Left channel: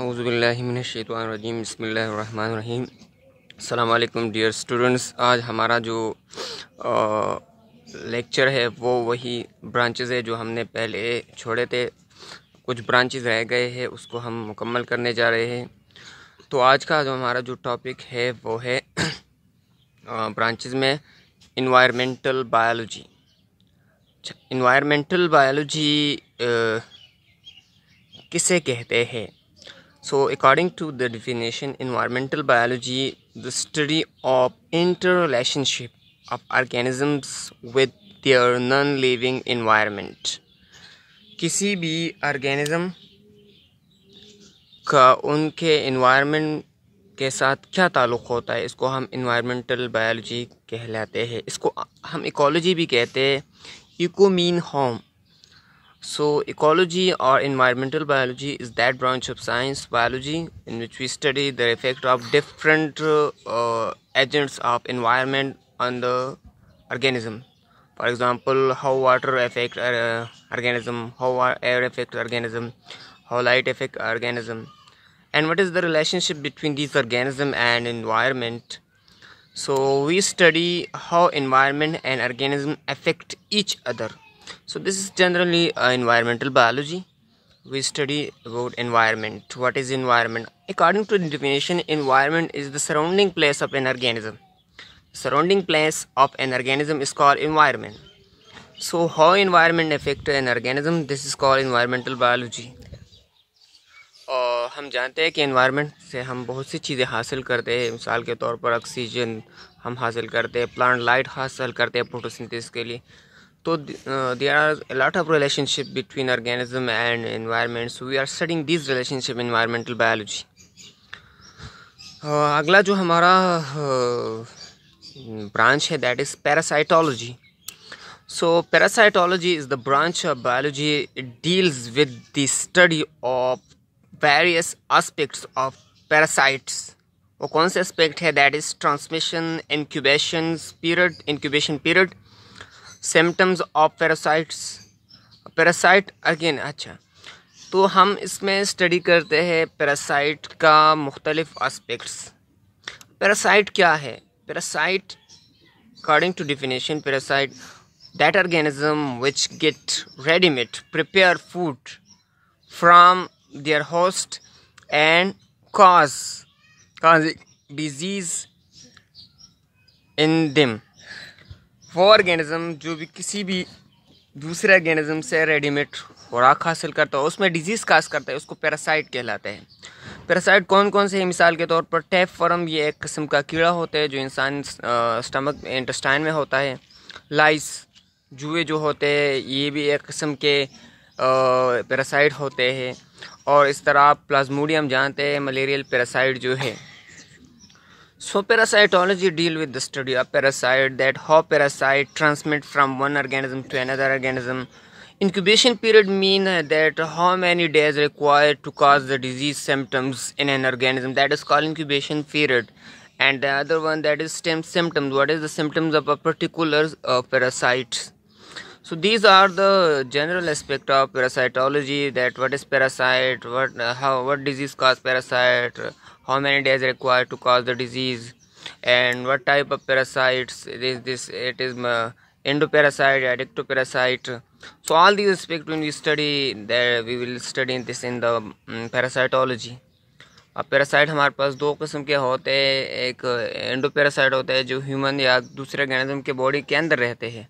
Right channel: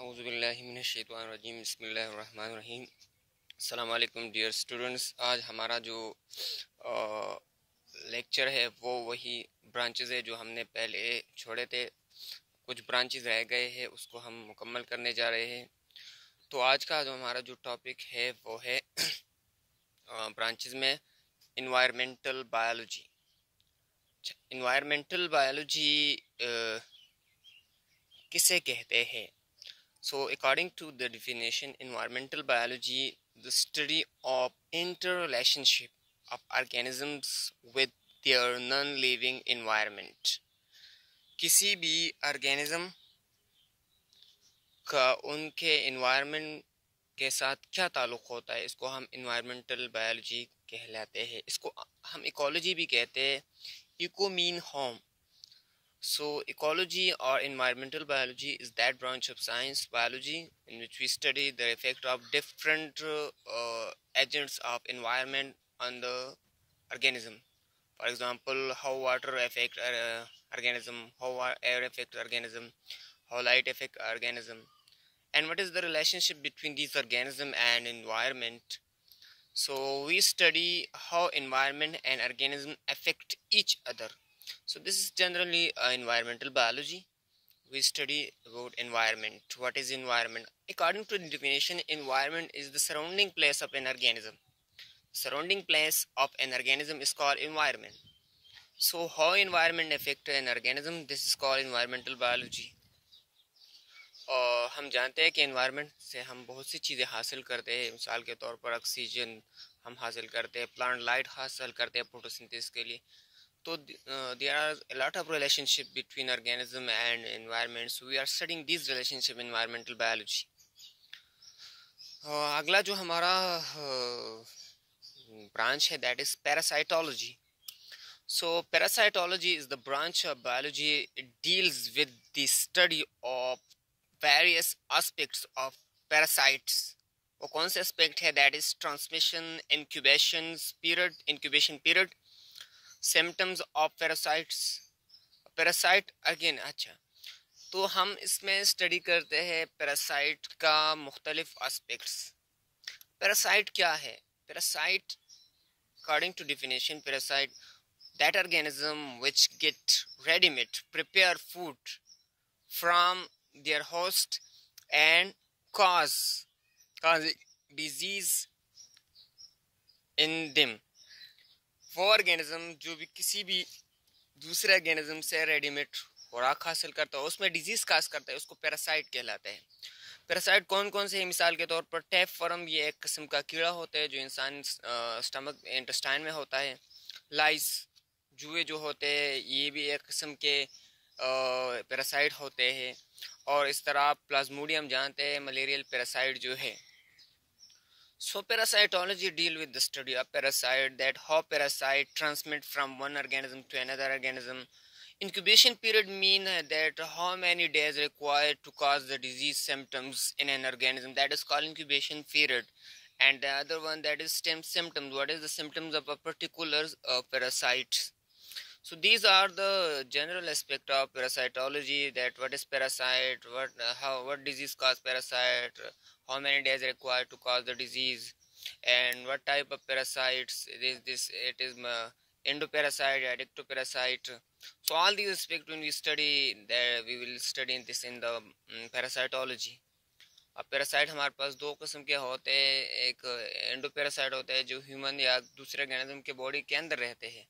औज़ुबिल्लाहिमिनश्शैतानिर्रजीम बिस्मिल्लाहिर्रहमानिर्रहीम। अस्सलाम वालेकुम डियर स्टूडेंट्स। आज हमारा जो लेक्चर है वो वही ब्रांचेस है जो हमने पहले छोड़े थे। कुछ ब्रांचेस रह गए हैं, उसको हम मुकम्मल करने जा रहे हैं। तो आज का जो हमारा जो टॉपिक है वो है ब्रांचेस में इन्वायरमेंटल बायोलॉजी। इन्वायरमेंटल बायोलॉजी किसे कहते हैं? So, according to the definition, environmental biology, the study of interrelationship of organisms with their non-living environment. किसी भी organism का उनके environment के साथ क्या ताल्लुक़ होता है, इसको हम environmental biology कहलाते हैं। इसको हम ecology भी कहते हैं। eco mean home. So, ecology or environmental biology is that branch of science biology in which we study the effect of different agents of environment on the organism. For example, how water affect organism, how air affect organism, how light affect organism, and what is the relationship between these organism and environment. So, we study how environment and organism affect each other. So this is generally environmental biology. We study about environment. What is environment? According to the definition, environment is the surrounding place of an organism. Surrounding place of an organism is called environment. So how environment affect an organism? This is called environmental biology. और हम जानते हैं कि environment से हम बहुत सी चीज़ें हासिल करते हैं। मिसाल के तौर पर ऑक्सीजन हम हासिल करते हैं, प्लांट लाइट हासिल करते हैं फोटोसिंथेसिस के लिए। So there are a lot of relationship between organism and environment. So we are studying these relationship in environmental biology. अगला जो हमारा branch है that is parasitology. So parasitology is the branch of biology. It deals with the study of various aspects of parasites. वो कौन से aspect है? That is transmission, incubation period, symptoms of parasite again. अच्छा, तो हम इसमें स्टडी करते हैं पैरासाइट का मुख्तलिफ एस्पेक्ट्स। पैरासाइट क्या है? Parasite according to definition, parasite that organism which get readymade prepare food from their host and cause disease in them. वो ऑर्गेनिज्म जो भी किसी भी दूसरे ऑर्गेनिज्म से रेडीमेड खुराक हासिल करता है, उसमें डिजीज़ काज करता है, उसको पैरासाइट कहलाते हैं। पैरासाइट कौन कौन से हैं? मिसाल के तौर पर टैपवर्म, ये एक किस्म का कीड़ा होता है जो इंसान स्टमक इंटेस्टाइन में होता है। लाइस, जुए जो होते हैं, ये भी एक किस्म के पैरासाइट होते हैं। और इस तरह प्लाज्मोडियम जानते हैं, मलेरियल पैरासाइट जो है। So parasitology deal with the study of parasite, that how parasite transmit from one organism to another organism. Incubation period mean that how many days required to cause the disease symptoms in an organism, that is called incubation period. And the other one, that is symptoms. What is the symptoms of a particular parasite? So these are the general aspect of parasitology, that what is parasite, what disease cause parasite, how many days required to cause the disease, and what type of parasites it is. It is endoparasite, ectoparasite. So all these aspects when we study, there we will study this in the parasitology. अब पैरासाइट हमारे पास दो किस्म के होते हैं। एक एंडोपैरासाइट होता है जो ह्यूमन या दूसरे ऑर्गेनिज्म के बॉडी के अंदर रहते हैं,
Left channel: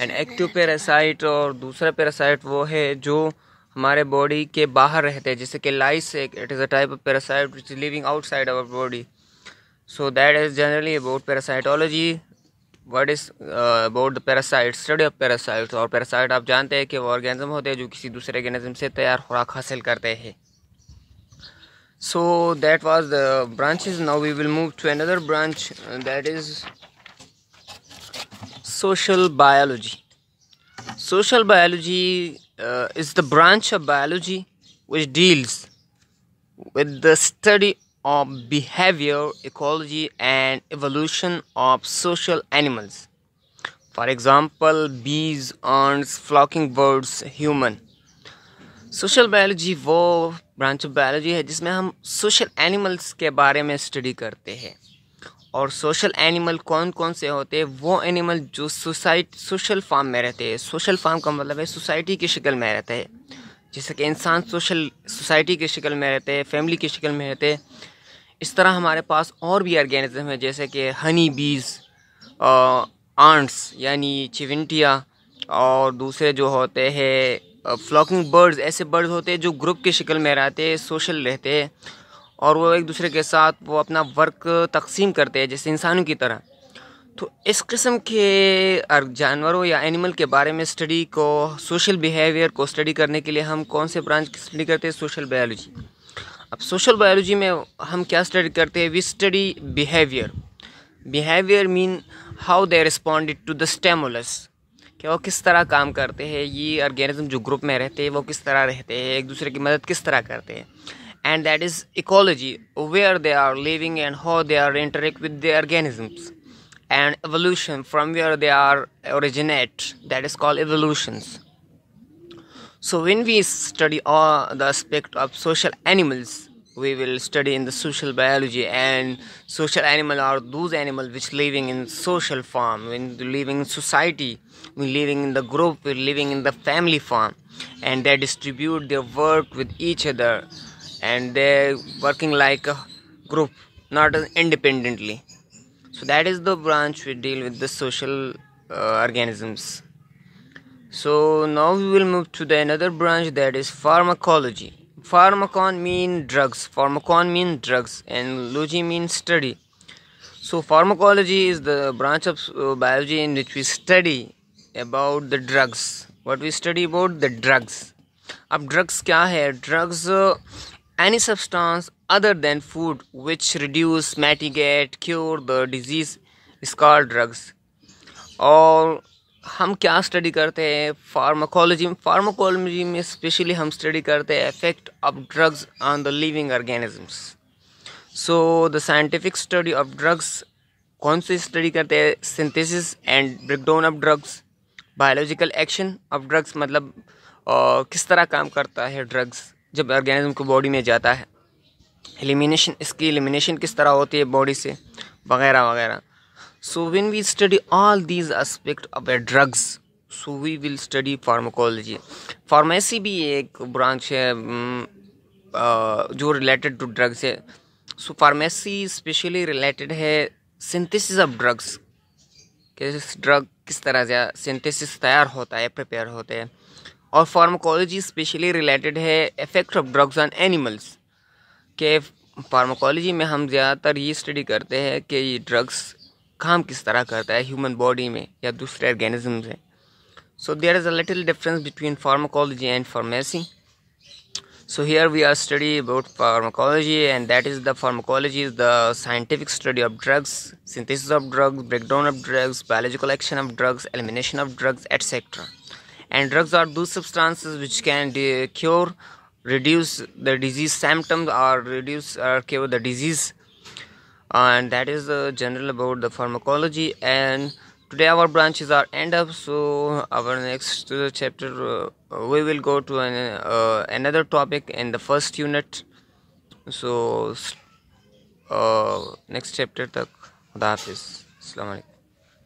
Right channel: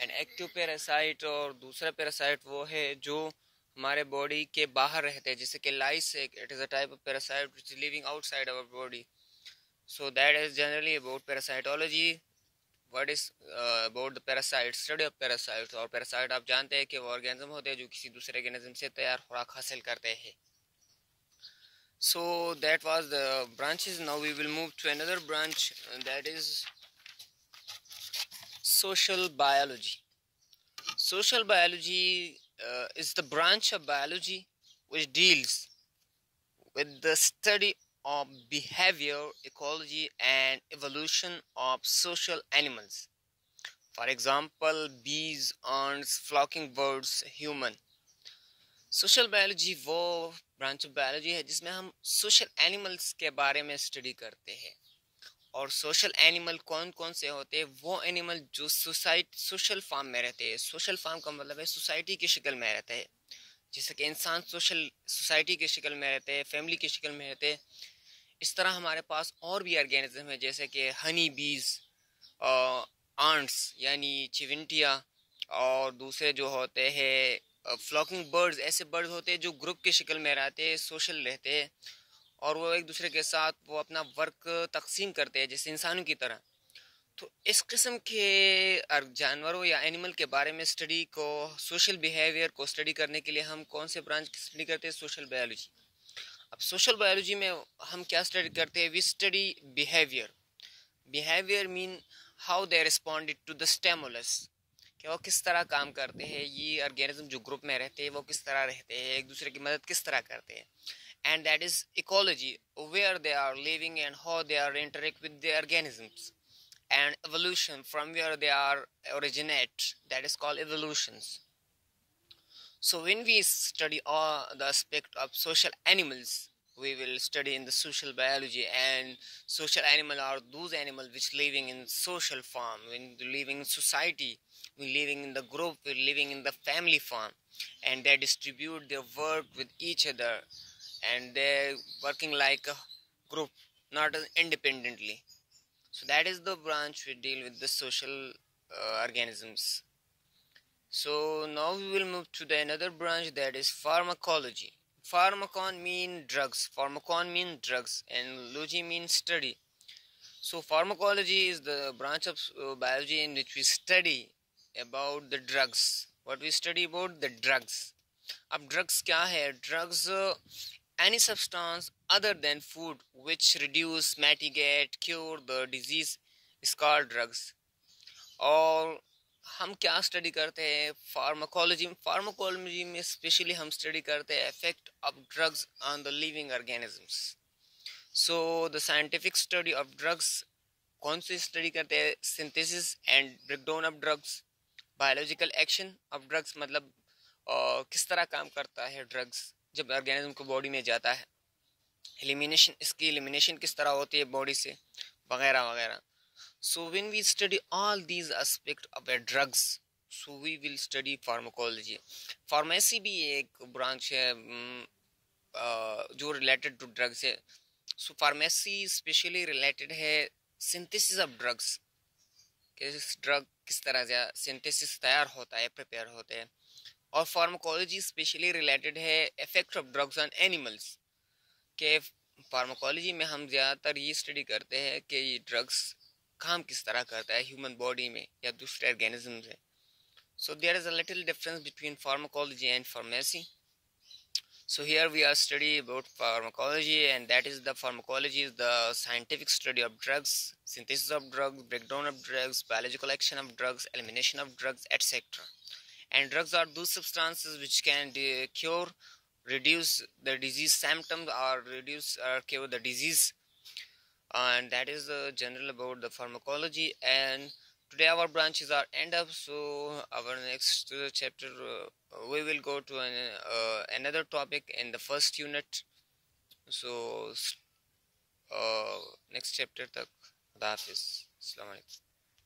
एंड एक्टोपैरासाइट। और दूसरा पैरासाइट वो है जो हमारे बॉडी के बाहर रहते हैं, जैसे कि lice, it is a type of parasite which is living outside our body. So that is generally about parasitology. What is about the parasite, study of parasite. और पैरासाइट आप जानते हैं कि वो ऑर्गेनिज्म होते हैं जो किसी दूसरे ऑर्गेनिज्म से तैयार खुराक हासिल करते हैं। So that was the branches. Now we will move to another branch, that is social biology. Social biology is the branch of biology which deals with the study of behavior, ecology and evolution of social animals. For example, bees, ants, flocking birds, human. Social biology वो branch of biology है जिसमें हम social animals के बारे में स्टडी करते हैं। और सोशल एनिमल कौन कौन से होते हैं? वो एनिमल जो सोशल फार्म में रहते हैं। सोशल फार्म का मतलब है सोसाइटी की शक्ल में रहते हैं। जैसे कि इंसान सोसाइटी की शक्ल में रहते हैं, फैमिली की शक्ल में रहते हैं, इस तरह हमारे पास और भी ऑर्गेनिज्म है जैसे कि हनी बीज, आंट्स यानी चिविंटिया, और दूसरे जो होते हैं फ्लॉकिंग बर्ड्स। ऐसे बर्ड्स होते हैं जो ग्रुप की शक्ल में रहते हैं, सोशल रहते हैं, और वो एक दूसरे के साथ वो अपना वर्क तकसीम करते हैं जैसे इंसानों की तरह। तो इस किस्म के जानवरों या एनिमल के बारे में स्टडी को, सोशल बिहेवियर को स्टडी करने के लिए हम कौन से ब्रांच की स्टडी करते हैं? Social biology. अब सोशल बायोलॉजी में हम क्या स्टडी करते हैं? We study behaviour. Behaviour mean how they responded to the stimulus, कि वो किस तरह काम करते हैं, ये ऑर्गेनिज्म जो ग्रुप में रहते हैं वो किस तरह रहते हैं, एक दूसरे की मदद किस तरह करते हैं। And that is ecology, where they are living and how they are interact with the organisms. And evolution, from where they are originate, that is called evolutions. So when we study all the aspect of social animals, we will study in the social biology. And social animal are those animals which living in social form, when living in society, when living in the group, when living in the family form, and they distribute their work with each other, and they're working like a group, not independently. So that is the branch we deal with the social organisms. So now we will move to the another branch, that is pharmacology. Pharmacon mean drugs, pharmacon mean drugs, and logy means study. So pharmacology is the branch of biology in which we study about the drugs. What we study about the drugs. अब drugs क्या है? Drugs any substance other than food which reduce, mitigate, cure the disease is called drugs. और हम क्या study करते हैं? फार्माकोलॉजी में स्पेशली हम स्टडी करते हैं effect of drugs on the living organisms. So the scientific study of drugs कौन से स्टडी करते हैं? Synthesis and breakdown of drugs. Biological action of drugs मतलब किस तरह काम करता है ड्रग्स जब ऑर्गेनिज्म को बॉडी में जाता है। एलिमिनेशन, इसकी एलिमिनेशन किस तरह होती है बॉडी से, वगैरह वगैरह। So when we study all these aspect of a drugs, so we will study pharmacology. Pharmacy भी एक ब्रांच है जो रिलेटेड टू ड्रग्स है। सो फार्मेसी स्पेशली रिलेटेड है सिंथेसिस ऑफ ड्रग्स, कि ड्रग किस तरह से सिंथेसिस तैयार होता है, प्रिपेयर होते हैं। और फार्माकोलॉजी स्पेशली रिलेटेड है effect of drugs on animals, के फार्माकोलॉजी में हम ज़्यादातर ये स्टडी करते हैं कि ये ड्रग्स काम किस तरह करता है ह्यूमन बॉडी में या दूसरे ऑर्गेनिज्म से। So there is a little difference between pharmacology and pharmacy. So here we are studying about pharmacology, and that is the pharmacology is the scientific study of drugs, synthesis of drugs, breakdown of drugs, biological action of drugs, elimination of drugs, etc. And drugs are those substances which can cure, reduce the disease symptoms, or reduce or cure the disease. And that is general about the pharmacology. And today our branches are end up. So our next chapter we will go to another topic in the first unit. So next chapter tak. Khuda Hafiz. Assalamu alaikum.